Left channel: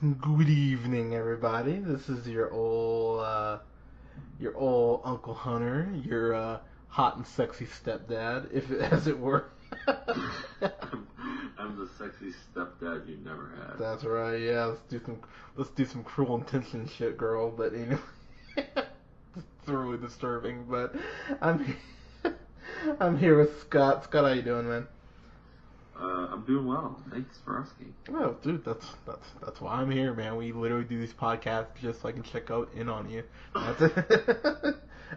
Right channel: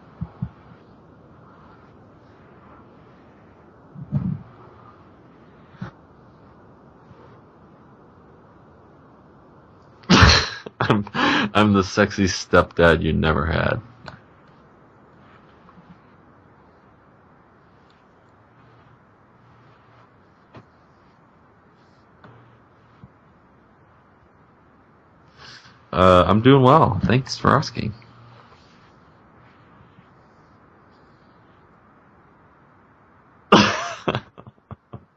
Good evening, everybody. This is your old Uncle Hunter, your hot and sexy stepdad, if as it were. I'm the sexy stepdad you never had. That's right. Yeah, let's do some cruel intention shit, girl. But it's really disturbing. But I'm I'm here with Scott. Scott, how you doing, man? I'm doing well. Thanks for asking. Oh, dude, that's why I'm here, man. We literally do these podcasts just so I can check out in on you.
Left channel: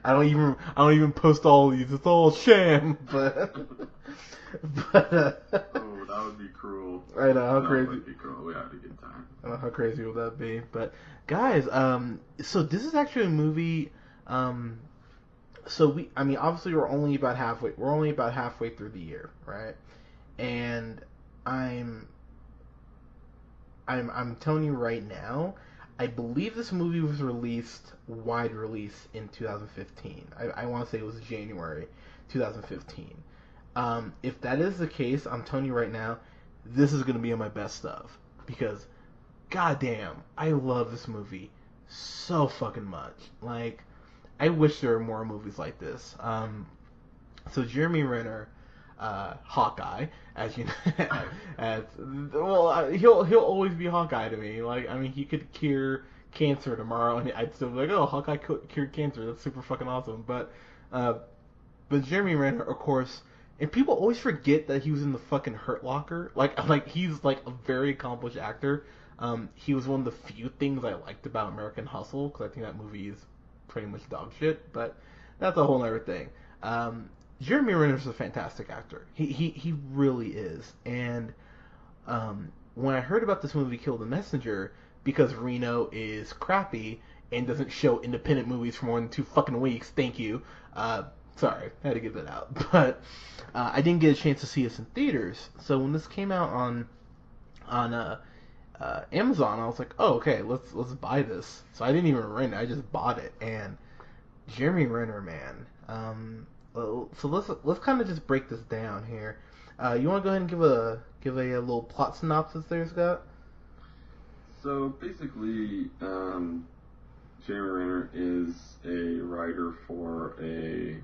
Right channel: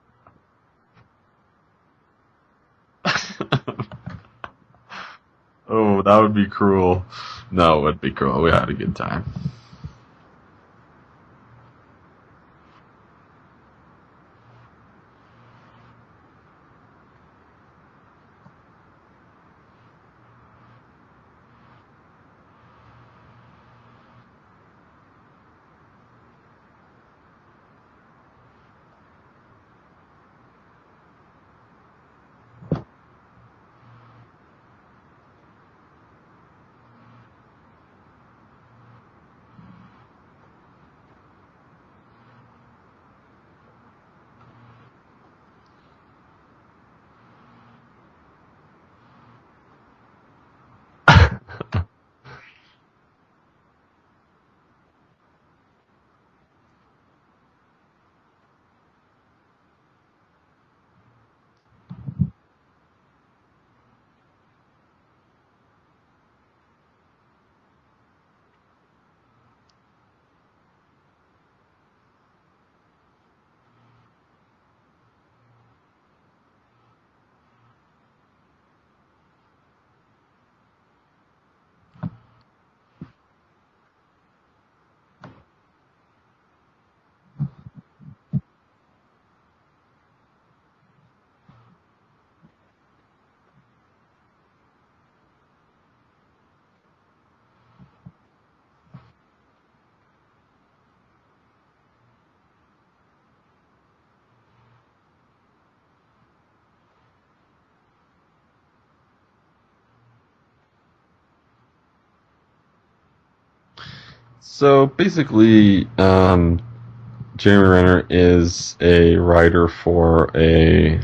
I don't even post all these. It's all sham. But Oh, that would be cruel. I know how No, it crazy. would be cruel. We had a good time. How crazy would that be? But guys, so this is actually a movie. Um, I mean, obviously we're only about halfway. We're only about halfway through the year, right? And I'm I'm telling you right now, I believe this movie was released wide release in 2015. I want to say it was January 2015. If that is the case, I'm telling you right now, this is gonna be on my best of because goddamn, I love this movie so fucking much. Like, I wish there were more movies like this. So Jeremy Renner, Hawkeye, as you know, as well, he'll always be Hawkeye to me. Like, I mean, he could cure cancer tomorrow, and I'd still be like, oh, Hawkeye cured cancer. That's super fucking awesome. Uh, but Jeremy Renner, of course, and people always forget that he was in the fucking Hurt Locker. Like he's like a very accomplished actor. He was one of the few things I liked about American Hustle because I think that movie is pretty much dog shit. But that's a whole other thing. Um, Jeremy Renner's a fantastic actor. He really is. And when I heard about this movie, Kill the Messenger, because Reno is crappy and doesn't show independent movies for more than 2 fucking weeks. Thank you. Uh, Sorry, I had to get that out. But I didn't get a chance to see this in theaters. So when this came out on Amazon, I was like, oh, okay, let's buy this. So I didn't even rent it. I just bought it. And Jeremy Renner, man. So let's kind of just break this down here. You want to go ahead and give a little plot synopsis there, Scott? So basically, Jeremy Renner is a writer for a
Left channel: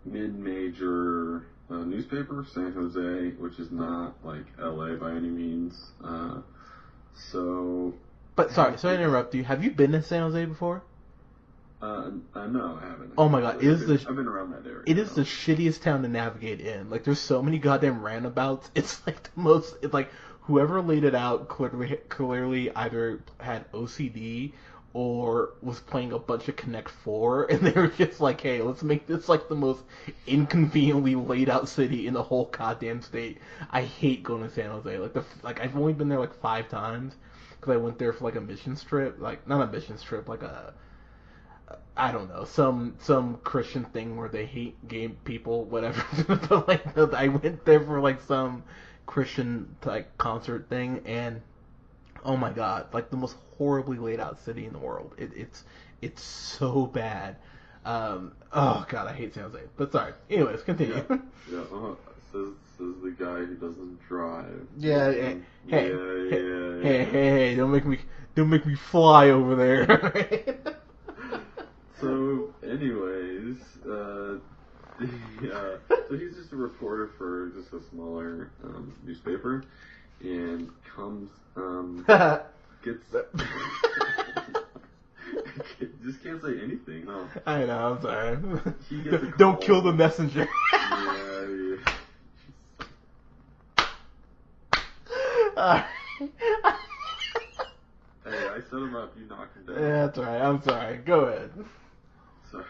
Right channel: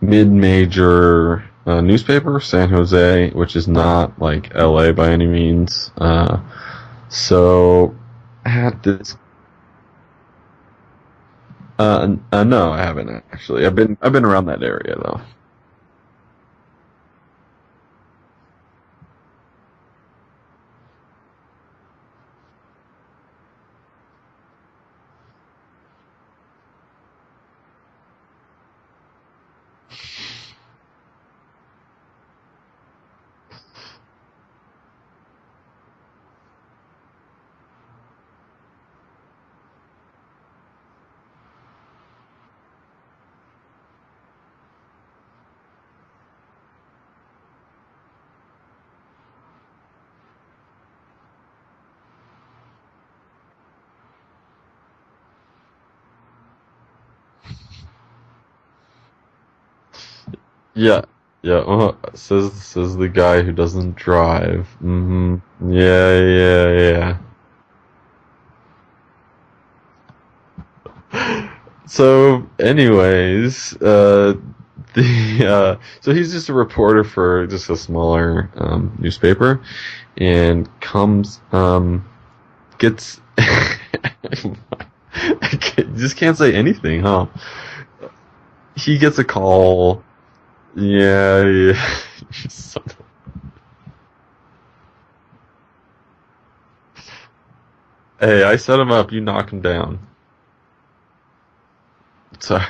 mid-major newspaper, San Jose, which is not like LA by any means. So But sorry, had sorry to this. interrupt you. Have you been to San Jose before? No, I haven't Oh my god, actually. I've been around that area it is though. the shittiest town to navigate in. Like, there's so many goddamn roundabouts. It's like the most. It's like whoever laid it out clearly either had OCD or was playing a bunch of Connect Four, and they were just like, "Hey, let's make this like the most inconveniently laid out city in the whole goddamn state." I hate going to San Jose. Like I've only been there like 5 times because I went there for like a mission trip. Like, not a mission trip, like a, I don't know, some Christian thing where they hate gay people, whatever. But like, I went there for like some Christian like concert thing, and oh my god, like the most horribly laid out city in the world. It's so bad. Oh god, I hate San Jose. But sorry. Anyways, continue. Yeah, yeah. Says the guy who doesn't drive. Yeah, yeah. Hey, Yeah, yeah, yeah. hey, don't make me fly over there. So, anyways, the so he's just a reporter for just a smaller newspaper, and comes gets. I just can't say anything, huh? I know, I'm sorry. He gets a Don't kill the call. messenger. Yeah, yeah. Uh, Hey, I set him up. You knock him yeah, down. that's right. I'm sorry. Go ahead. So,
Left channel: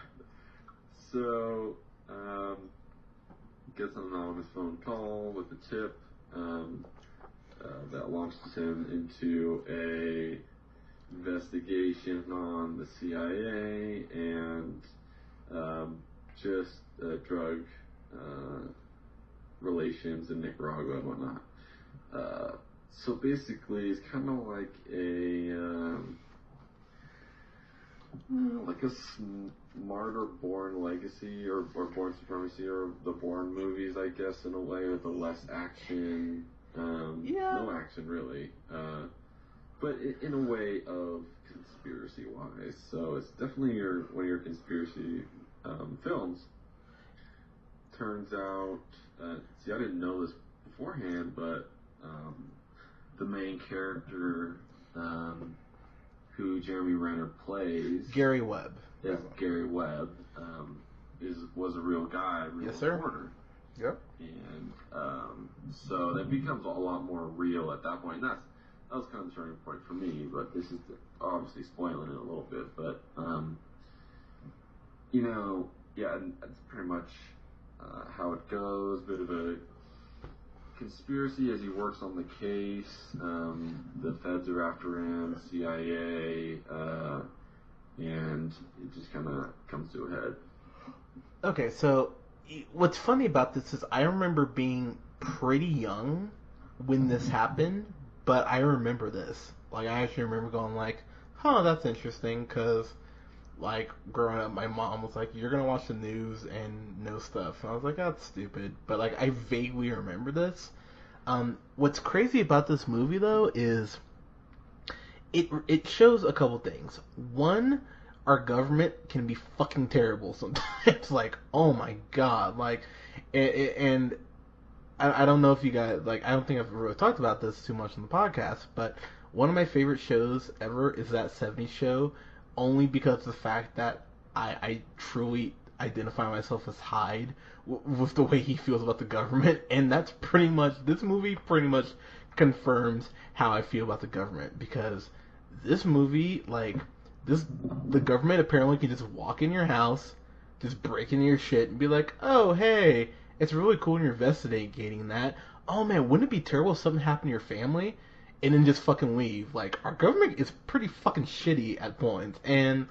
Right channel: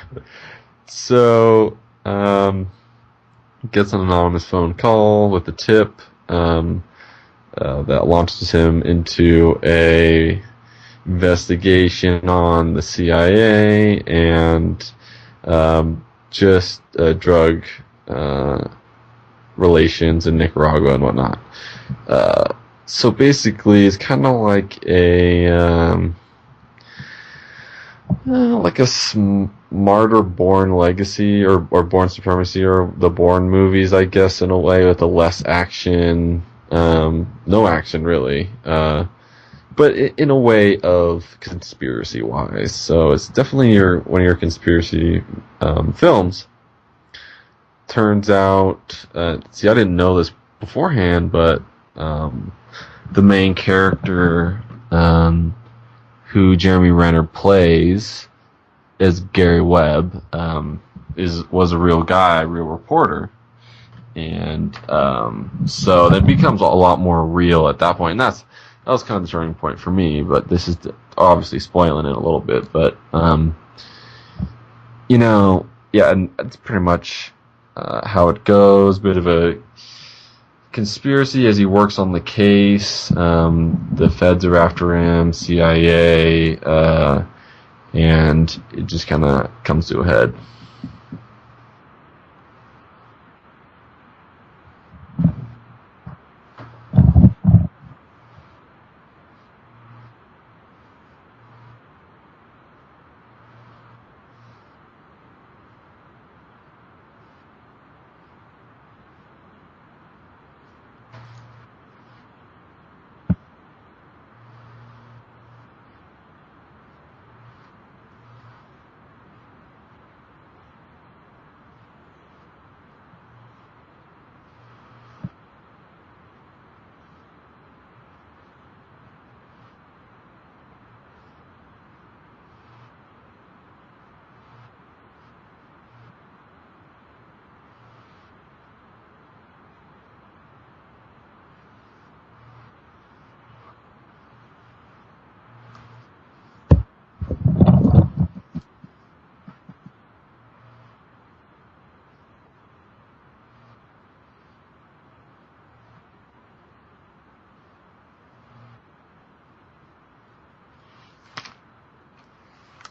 so gets an anonymous phone call with a tip that launches him into a investigation on the CIA and just drug uh, relations in Nicaragua and whatnot. Uh, so basically, it's kind of like a smarter Bourne Legacy or Bourne Supremacy or the Bourne movies, I guess, in a way, with a less action, No action really. But in a way of conspiracy wise. So it's definitely one of your conspiracy films. Turns out, see, I didn't know this beforehand, but the main character who Jeremy Renner plays Gary Webb. is Gary Webb. Was a real guy, a real Yes, sir. reporter. Yep. And so that becomes a lot more real at that point. And that was kind of the turning point for me. But this is obviously spoiling it a little bit. But yeah, and that's pretty much how it goes. Bit of a conspiracy as he works on the case. The feds are after him, CIA, and it just kind of comes to a head. Okay, so what's funny about this is I remember being pretty young when this happened, but I remember this. Like, I actually remember going like, huh, that's interesting, because, like, growing up, my mom was like, you're gonna watch the news and know stuff. And I was like, that's stupid. But, like, I vaguely remember this. What's crazy about this movie, though, is it shows a couple things. One, our government can be fucking terrible sometimes. Like, oh my god, like, and I don't know if you guys like. I don't think I've really talked about this too much in the podcast, but one of my favorite shows ever is that '70s show, only because of the fact that I truly identify myself as Hyde with the way he feels about the government, and that's pretty much this movie. Pretty much confirms how I feel about the government because this movie, like, the government apparently can just walk in your house, just break into your shit, and be like, oh, hey, it's really cool when you're investigating that. Oh, man, wouldn't it be terrible if something happened to your family? And then just fucking leave. Like, our government is pretty fucking shitty at points. And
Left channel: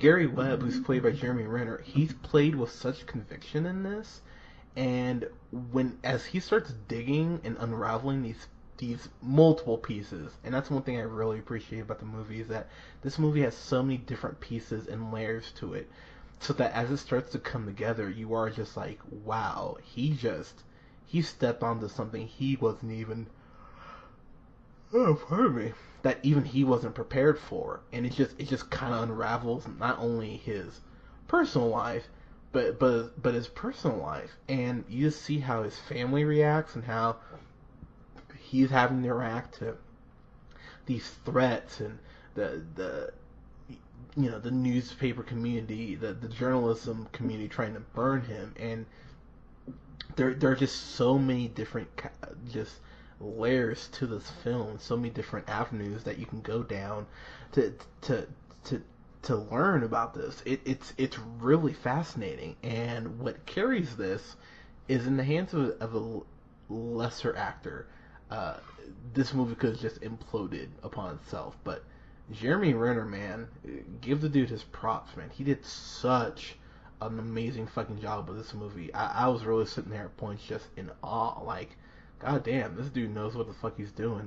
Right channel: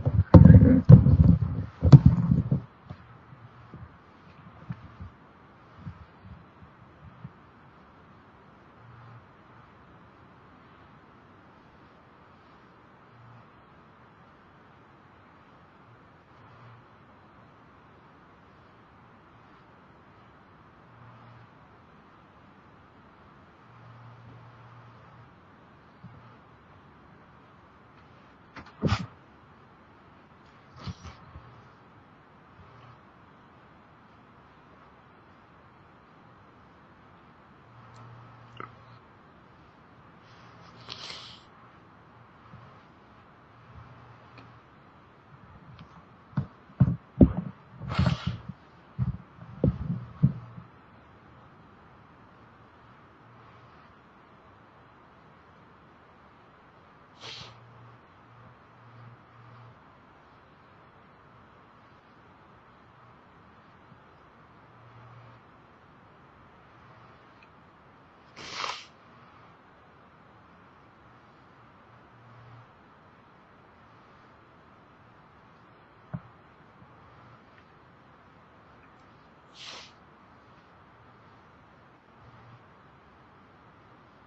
Gary Webb, who's played by Jeremy Renner, he's played with such conviction in this. And as he starts digging and unraveling these multiple pieces, and that's one thing I really appreciate about the movie is that this movie has so many different pieces and layers to it, so that as it starts to come together, you are just like, wow, he stepped onto something he wasn't even, oh, pardon me, that even he wasn't prepared for, and it just kind of unravels not only his personal life, but his personal life, and you just see how his family reacts and how he's having to react to these threats and the the newspaper community, the journalism community trying to burn him, and there are just so many different just layers to this film, so many different avenues that you can go down to to to to learn about this. It's really fascinating, and what carries this is in the hands of a lesser actor. Uh, this movie could have just imploded upon itself, but Jeremy Renner, man, give the dude his props, man. He did such an amazing fucking job with this movie. I was really sitting there at points just in awe, like, god damn, this dude knows what the fuck he's doing.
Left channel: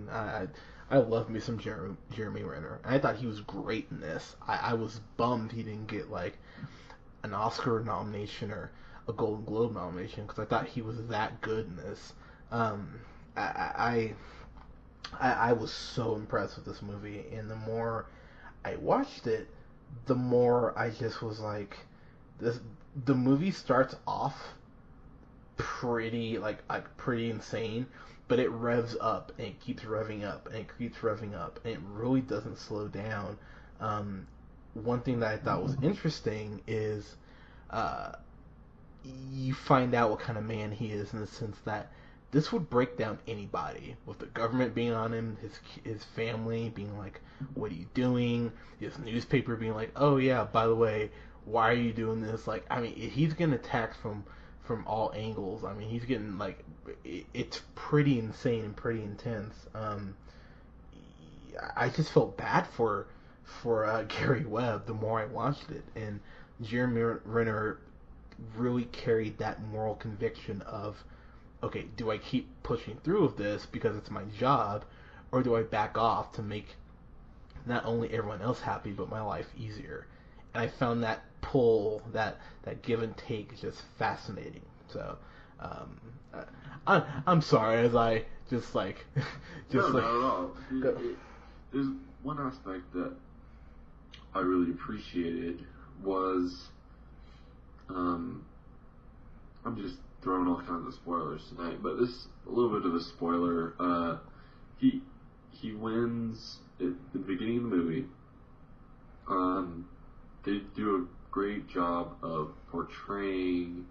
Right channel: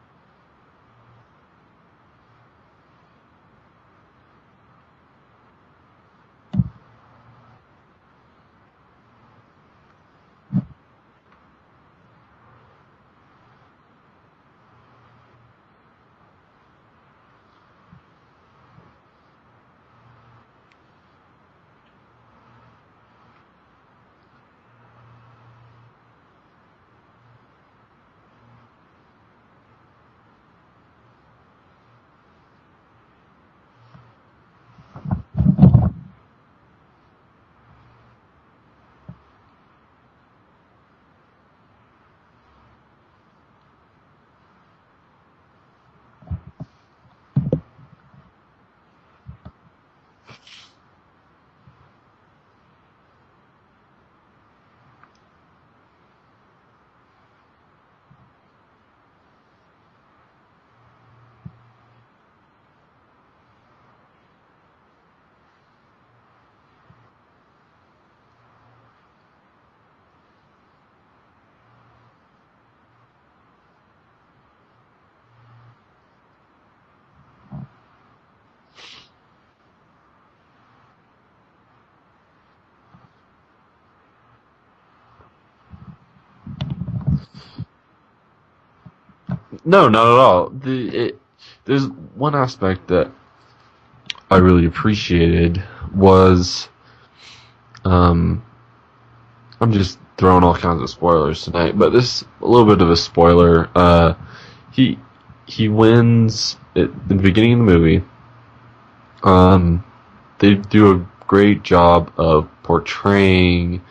I love me some Jeremy Renner. I thought he was great in this. I was bummed he didn't get like an Oscar nomination or a Golden Globe nomination because I thought he was that good in this. Um, I, I was so impressed with this movie, and the more I watched it, the more I just was like, this. The movie starts off pretty insane, but it revs up and it keeps revving up and it keeps revving up, and it really doesn't slow down. Um, One thing that I thought was interesting is uh, you find out what kind of man he is in the sense that this would break down anybody with the government being on him, his family being like, "What are you doing?" His newspaper being like, "Oh yeah, by the way, why are you doing this?" Like, I mean, he's getting attacked from all angles. I mean, he's getting like, it's pretty insane and pretty intense. I just felt bad for Gary Webb the more I watched it, and Jeremy Renner really carried that moral conviction of, okay, do I keep pushing through with this because it's my job, or do I back off to make not only everyone else happy but my life easier? And I found that pull, that give and take, just fascinating. So, um, I'm sorry as I just like. No, not at all. There's one aspect that I really appreciated was, um, I'm just throwing all kinds of spoilers tonight, but this a little bit of a spoiler. He he wins at the beginning of the movie. They do a great job of portraying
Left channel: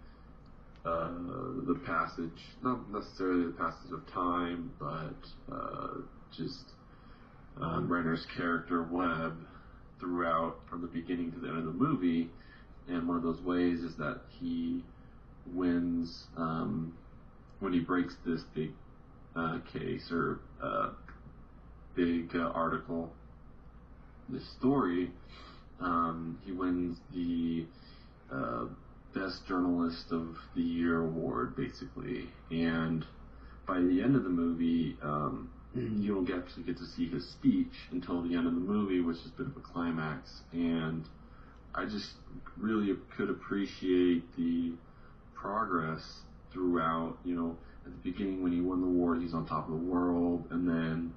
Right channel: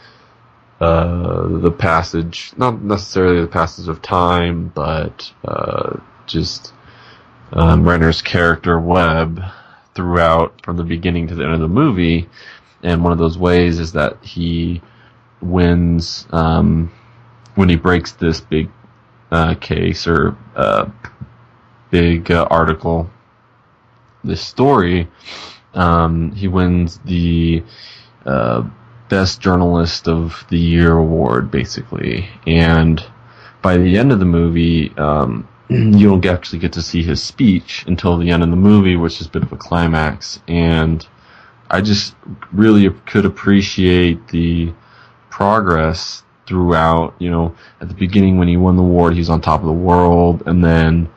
the passage, not necessarily the passage of time, but just Renner's character Webb throughout from the beginning to the end of the movie. And one of those ways is that he wins when he breaks this big case or big article, this story. He wins the Best Journalist of the Year award, basically. And by the end of the movie, you don't actually get to see his speech until the end of the movie, which is a bit of a climax. And I just really could appreciate the progress throughout. At the beginning when he won the award, he was on top of the world, and then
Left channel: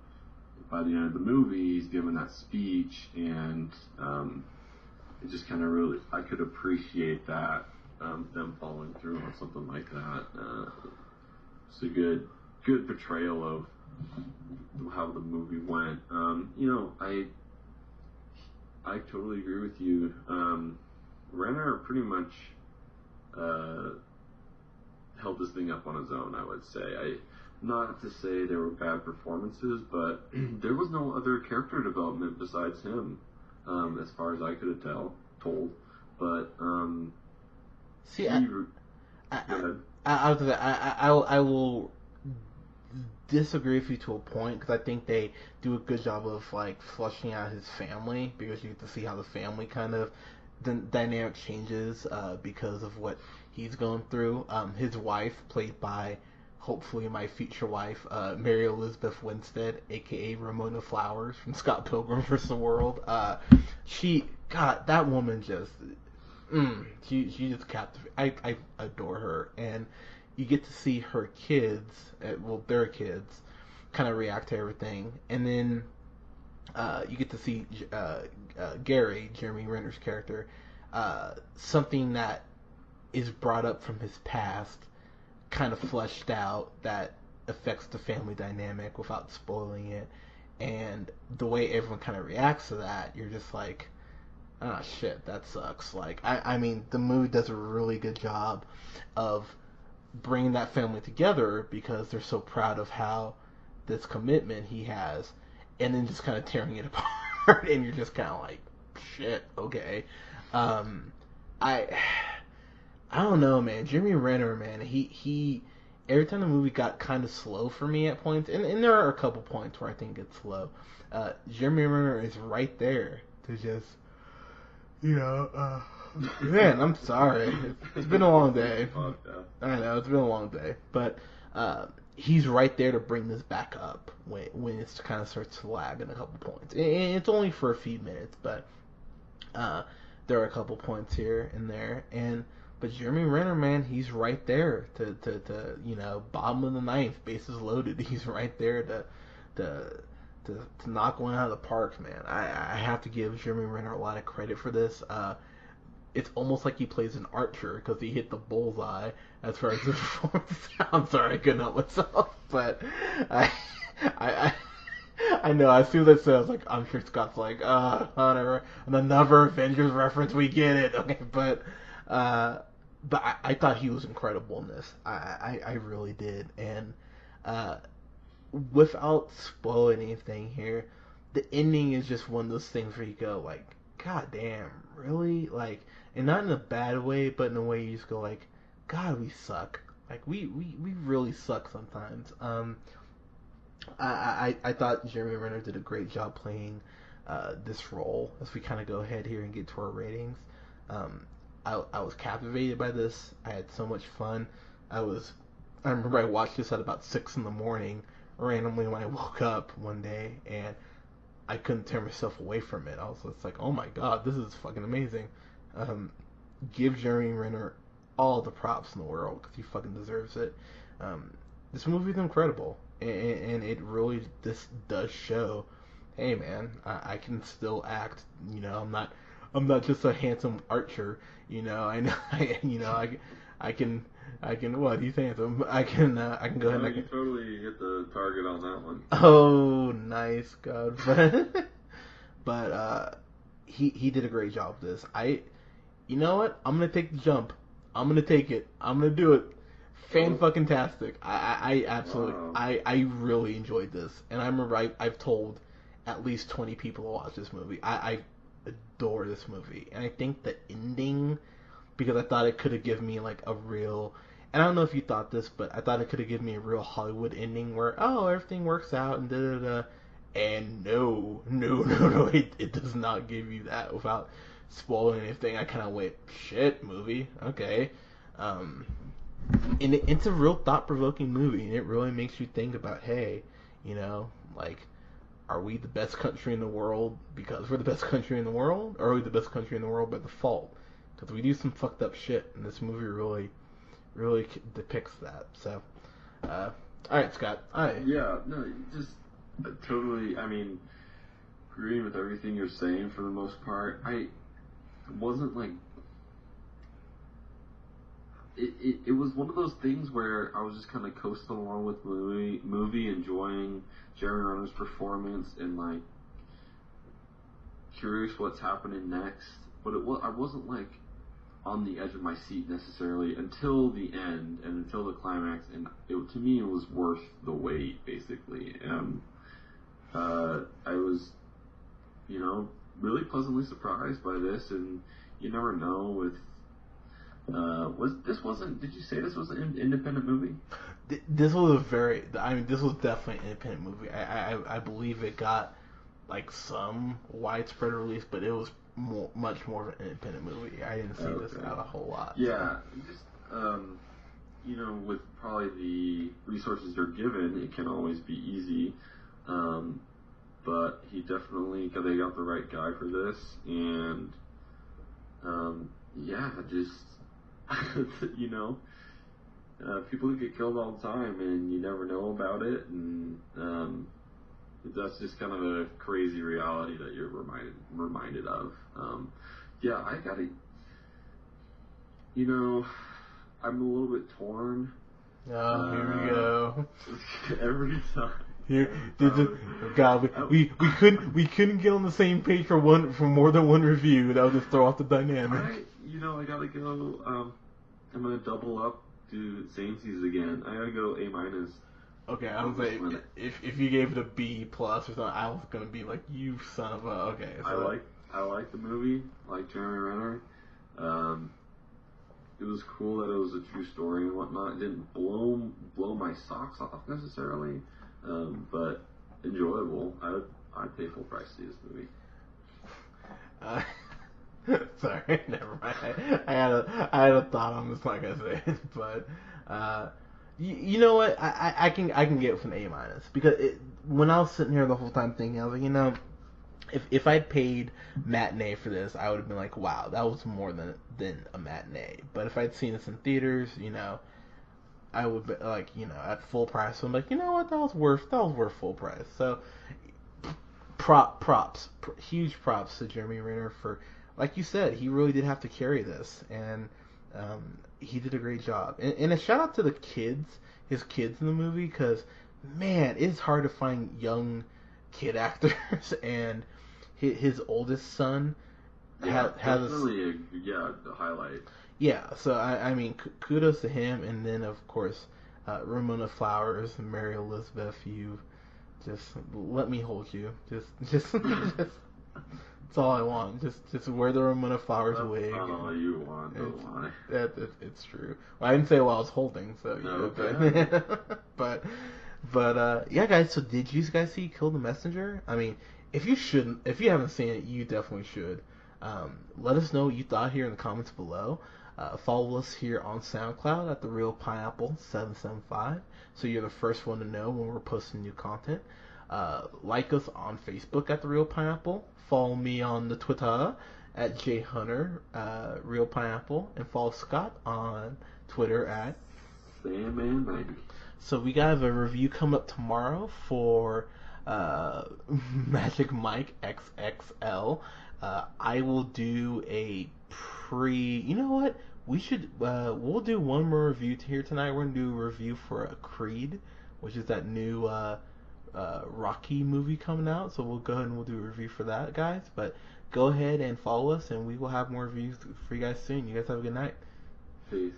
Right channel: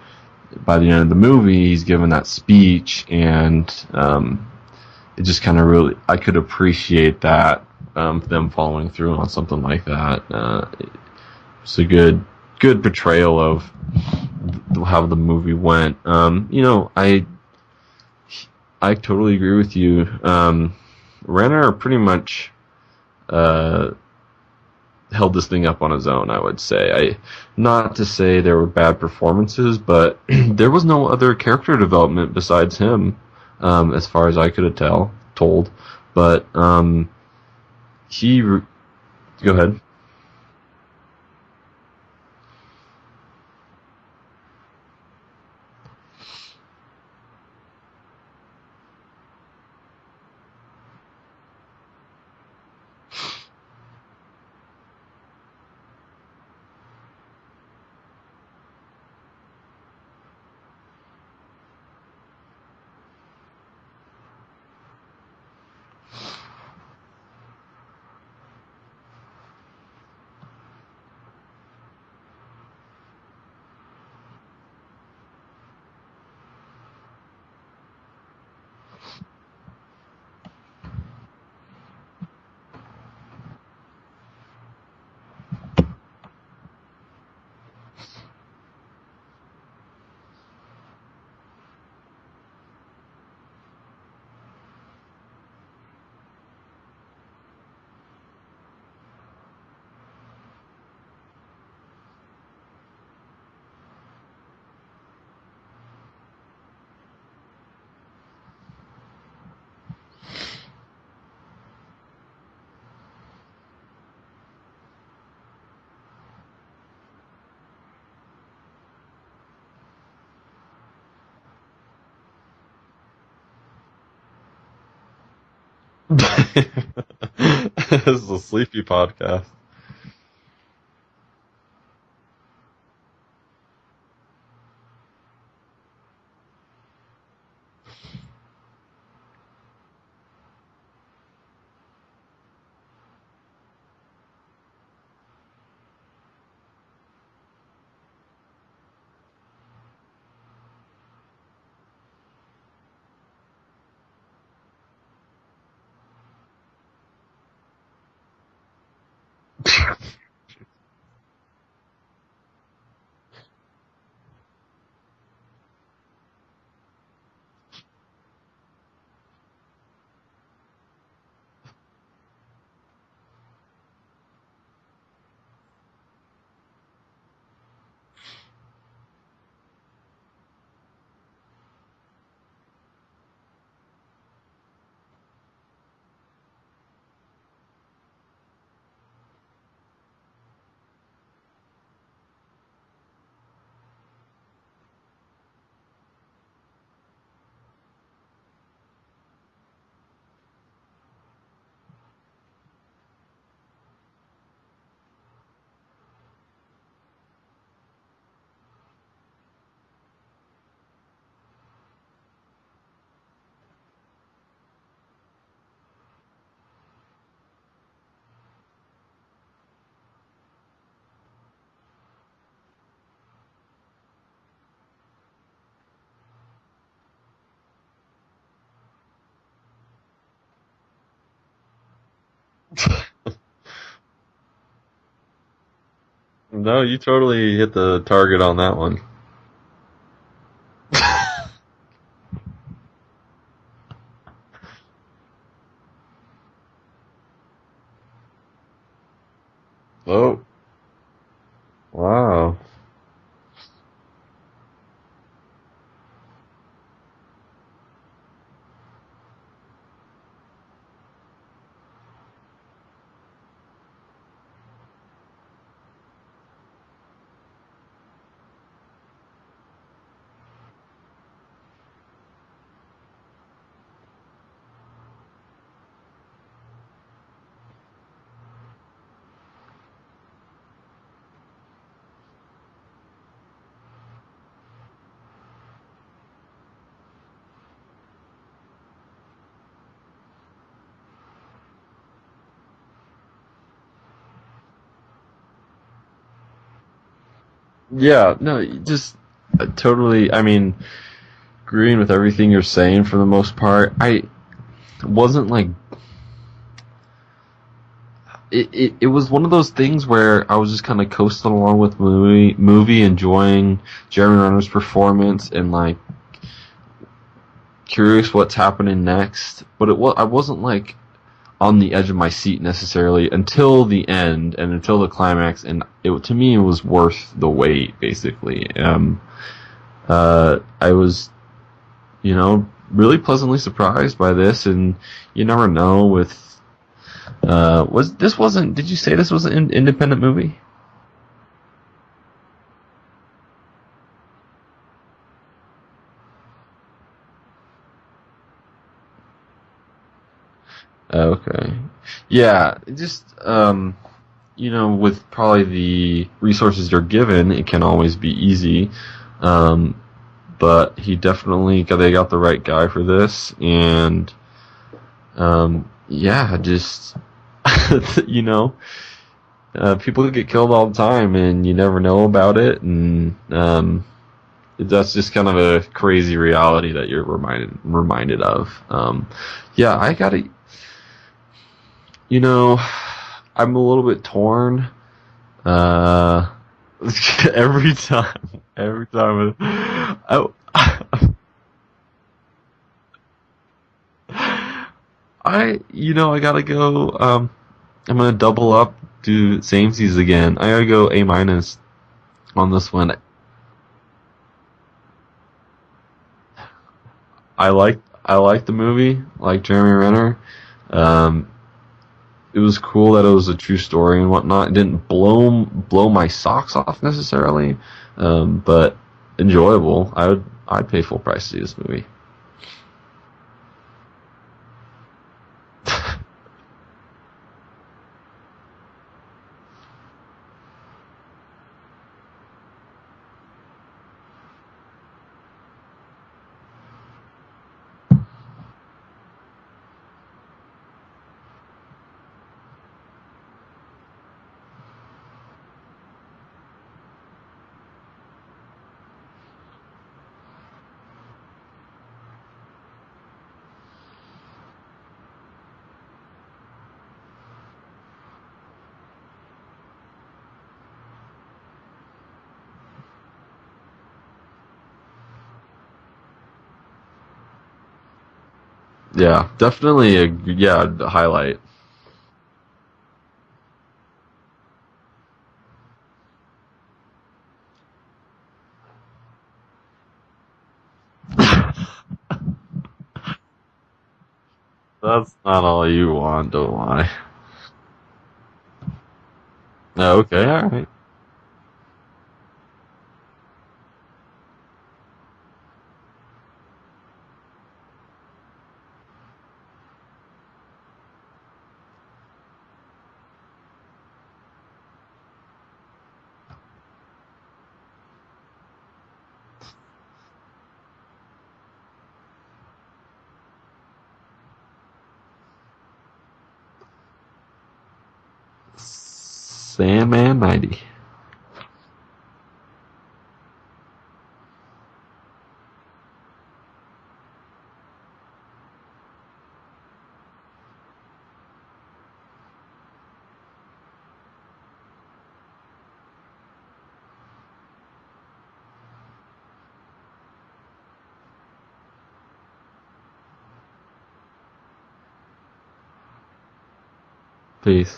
by the end of the movie, he's given that speech, and it just kind of really, I could appreciate that, them following through on something like that. It's a good portrayal of how the movie went. I totally agree with you. Renner pretty much held this thing up on his own, I would say. Not to say there were bad performances, but there was no other character development besides him, as far as I could have told. But go ahead. I will disagree with you to a point, because I think they do a good job of like fleshing out his family, because you get to see how the family kind of the dynamic changes because of what he's going through. His wife, played by hopefully my future wife, Mary Elizabeth Winstead, aka Ramona Flowers from Scott Pilgrim vs. the World. That woman just, she just captivates. I adore her, and you get to see her kids, their kids, kind of react to everything, and then you get to see Gary, Jeremy Renner's character, something that is brought up from his past, kind of fleshed out, that affects the family dynamic without spoiling it. And the way everyone kind of reacts to that, you're just like, ah, shit, that sucks. Like, I mean, the movie does a really good job of bringing that family together, because they're so proud of how this commitment he has, and then just kind of tearing it apart, and you're just kind of like, shit, okay. I don't know, man. Jeremy Renner, man, he every time the movie got kind of slow for me at points, and there are a couple points where I think it's slow. Jeremy Renner is right there to just, man, I'm sorry. It's been a long sleepy day. Podcast. I know, it's been a long day, but he's right there to bring this back up when it kind of starts to lag in a couple points. And it's only for a few minutes, but there are a couple points here and there, but Jeremy Renner, man, he's right there to bottom of the ninth, bases loaded. He's right there to knock one out of the park, man. I have to give Jeremy Renner a lot of credit for this. It's almost like he plays an archer, because he hit the bullseye as far as his performance. I'm sorry, I couldn't help myself, but I know, as soon as I said, I was like, I'm sure Scott's like, whatever, another Avengers reference, we get it, okay, but I thought he was incredible in this. I really did, and without spoiling anything here, the ending is just one of those things where you go like, God damn, really? Like, and not in a bad way, but in a way you just go like, God, we suck. Like, we really suck sometimes. I thought Jeremy Renner did a great job playing this role. As we kind of go ahead here and get to our ratings, I was captivated by this. I had so much fun. I remember I watched this at about 6 in the morning, randomly when I woke up one day, and I couldn't tear myself away from it. I was just like, oh my god, this is fucking amazing. Give Jeremy Renner all the props in the world, because he fucking deserves it. this movie's incredible, and it really this does show, hey man, I can still act. You know, I'm not just a handsome archer. You know, I know, I can, I can. What he's handsome. I can go No, ahead. you totally hit the target on that one. Oh, nice, God. But he did a great job with this. You know what? I'm gonna take the jump. I'm gonna take it. I'm gonna do it. Fan Oh, fucking tastic. I absolutely wow. I really enjoyed this, and I remember I've told at least 20 people to watch this movie. I adore this movie, and I think the ending, because I thought it could have given me like a real, and I don't know if you thought this, but I thought it could have given me a real Hollywood ending where everything works out and da da da. And no, it does not give you that without spoiling anything. I kind of went, shit, movie, okay. Um, and it's a real thought-provoking movie, and it really makes you think about, hey, you know, like, are we the best country in the world because we're the best country in the world, or are we the best country in the world by default? Because we do some fucked up shit, and this movie really depicts that. So, all right, Scott. All right, Yeah, no, just totally. I mean, agreeing with everything you're saying for the most part. I wasn't like it was one of those things where I was just kind of coasting along with the movie, enjoying Jeremy Renner's performance and like curious what's happening next. But I wasn't like on the edge of my seat necessarily until the end and until the climax, and to me it was worth the wait. Basically, I was, really pleasantly surprised by this, and you never know with. Did you say this was an independent movie? this was a very. I mean, this was definitely an independent movie. I believe it got like some widespread release, but it was much more of an independent movie. I didn't see this Okay. out a whole lot. Yeah, just with probably the resources you're given, it can always be easy. But they got the right guy for this, and yeah, just you know, people get killed all the time, and you never know about it, and that's just kind of a crazy reality that you're reminded of. Yeah, I gotta, you know, I'm a little bit torn. Oh, here we Uh, go. every time, Here, every time. God, I, we couldn't get on the same page for more than one review. That would throw off the dynamic. I gotta go. I'm gonna double up, do samesies again. I gotta go A- Okay, I on would this say one. if you gave it a B plus or something, I was gonna be like, you son of a. Okay. I like the movie, like Jeremy Renner. Um, it was cool that it was a true story and whatnot. It didn't blow my socks off necessarily, but enjoyable. I'd pay full price to see this movie. Uh, sorry, never mind. I had a thought on this, like I said, but you know what? I can get with an A minus because when I was sitting here the whole time thinking, I was like, if I paid matinee for this, I would have been like, wow, that was more than a matinee. But if I'd seen this in theaters, I would be like, at full price. So I'm like, you know what, that was worth full price. So huge props to Jeremy Renner for, like you said, he really did have to carry this, and he did a great job. And a shout out to the kids, his kids in the movie, because man, it's hard to find young kid actors, and his oldest son Yeah, has definitely a highlight. yeah. So I mean, kudos to him, and then of course Ramona Flowers, Mary Elizabeth, you just let me hold you. Just that's all I want. Just wear the Ramona Flowers That's wig. not all you want, don't lie. It's true. Well, I didn't say what I was holding, so. Oh, okay, alright. but yeah, guys. So did you guys see Kill the Messenger? I mean, if you haven't seen it, you definitely should. Um, Let us know what you thought here in the comments below. Follow us here on SoundCloud at the Real Pineapple 775, so you're the first one to know when we're posting new content. Like us on Facebook at the Real Pineapple. Follow me on the Twitter at jhunter Real Pineapple, and follow Scott on Twitter at Sandman 90. So we got a review come up tomorrow for uh, Magic Mike XXL. I will do a pre. You know what? We should. We'll do one more review here tonight. We're gonna do a review for a Creed, which is that new Rocky movie coming out. So we'll go ahead and we'll do a review for that, guys. But go ahead and follow us, and we will have more reviews for you guys soon. You guys have a good night. Peace.